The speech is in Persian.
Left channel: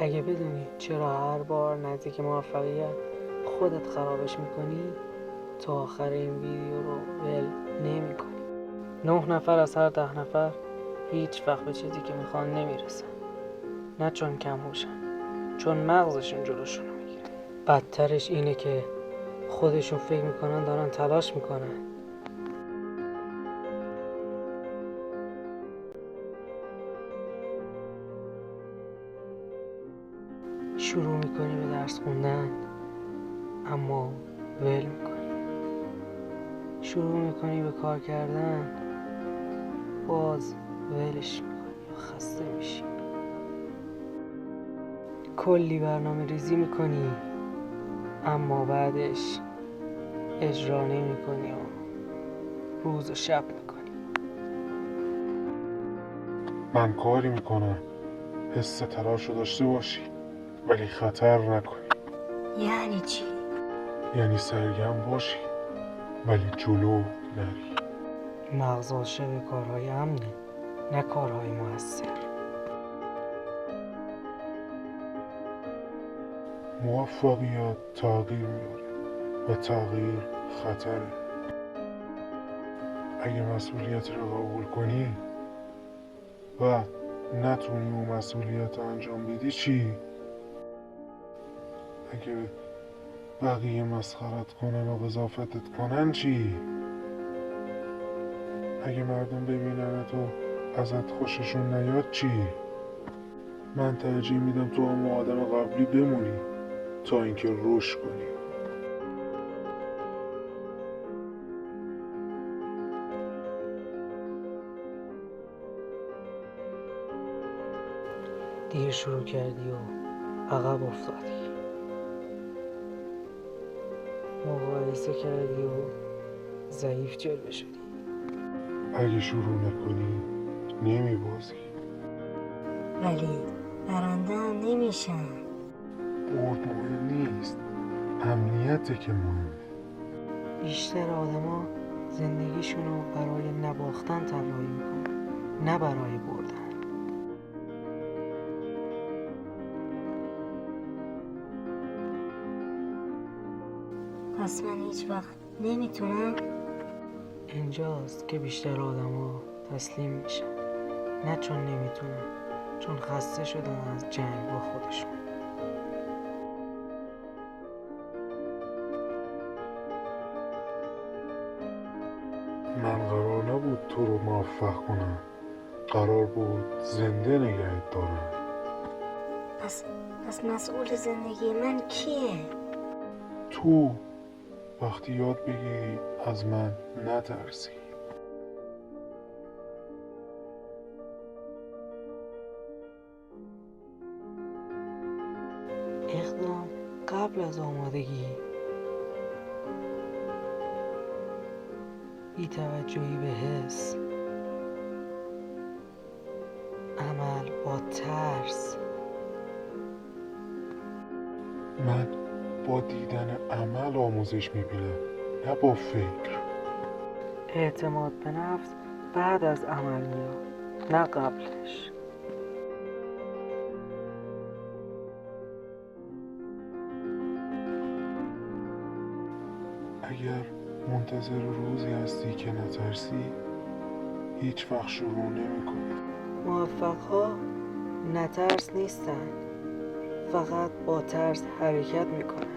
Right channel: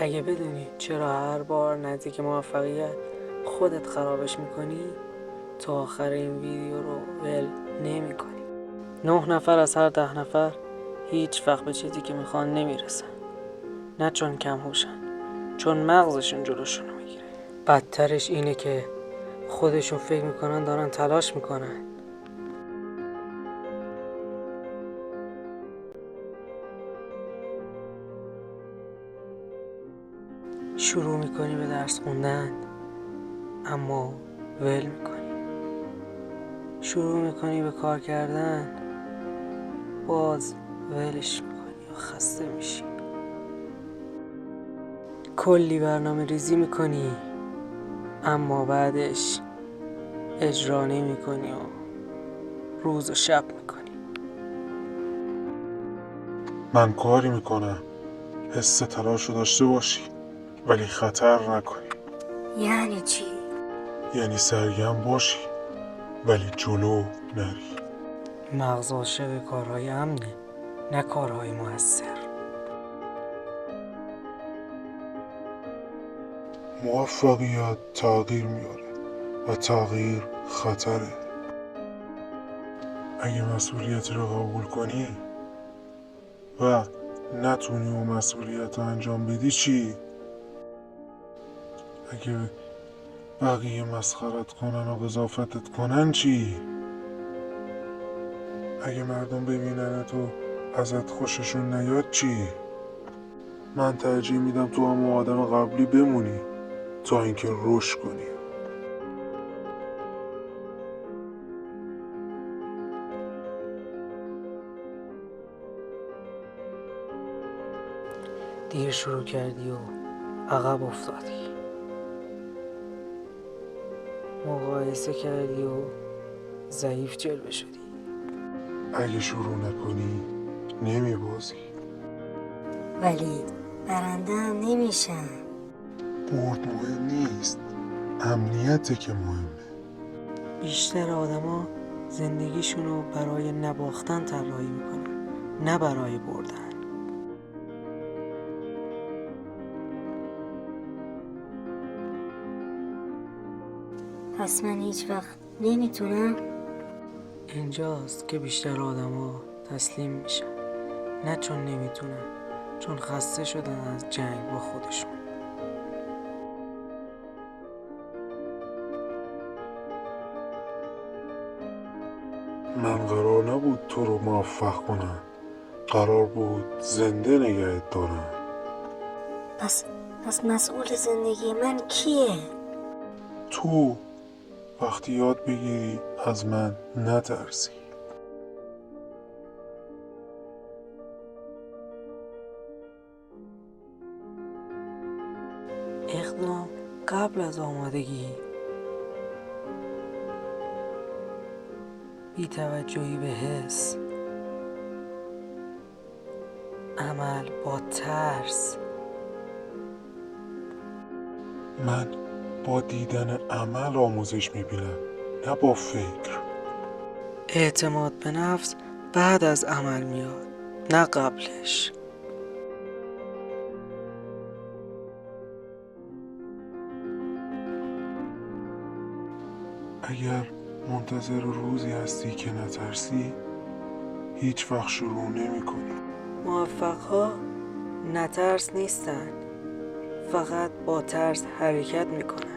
اگه بدونی چرا هر بار نزدیک موفقیت خودت خرابش میکنی، تا آخر این ویدیو رو ول نمی کنی. 9 نفر از هر 10 نفر هیچ وقت به چیزی که میخوان نمیرسن. نه چون کم هوشن، چون مغزشون جلوشونو میگیره. بدترش اینه که خودشون فکر میکنن دارن تلاش میکنن. شروع میکنی به درس خوندن اما ول میکنی. شروع میکنی به کار کردن باز ولش میکنی و خسته میشی. کلی برنامه ریزی میکنی اما بعدش اجرا نمیکنی و روز و شب میکنی. من کاری میکنم حس تلاش رو داشته باشی ولی خطر نکنی. یعنی چی؟ یعنی سرگرم باشی ولی جلو نری. مغز عاشق کارهای امنه، نه کارهای موثر. موفقیت تغییر میاره و تغییر خطره. اگه مسئولیتی رو قبول کنی و نتونی اون مسئولیت رو انجام بدی چی؟ اگه بقیه مسخرت کنن و قضافتت کنن چی؟ اگه مردم ببینن تو ازت خوششون نیاد چی؟ من ترجیح میدم تو هم آدم قبلی بمونی تا اینکه رشد کنی. دیر شروع کردی و عقب افتادی. مقایسه کردی و ضعیف جلوه شدی. اگه شروع نکنی نمیبازی. ولی برنده هم نمیشن. برد مهم نیست، امنیته که مهمه. بیشتر آدما زندگیشونو برای نباختن طراحی میکنن، نه برای بردن. پس من هیچ وقت نمیتونم. اینجاست که بیشتر آدما تسلیم میشن، نه چون نمیتونن، چون خسته شدن از جنگ با خودشون. من قرار نبود تو رو موفق کنم، قرار بود زنده نگهت دارم. پس مسئول زندگی من کیه؟ تو وقتی یاد بگیری از من نترسی. اقدام قبل از آمادگی، بی توجهی به حس، عمل با ترس. من با دیدن عمل آموزش میبینم، نه با فکر. اعتماد به نفس بعد از عمل میاد، نه قبلش. اگر منتظر روزی هستی که نترسی هیچ وقت شروع نمی کنی. موفق‌ها نه ترس نیستن، فقط با ترس حرکت میکنن.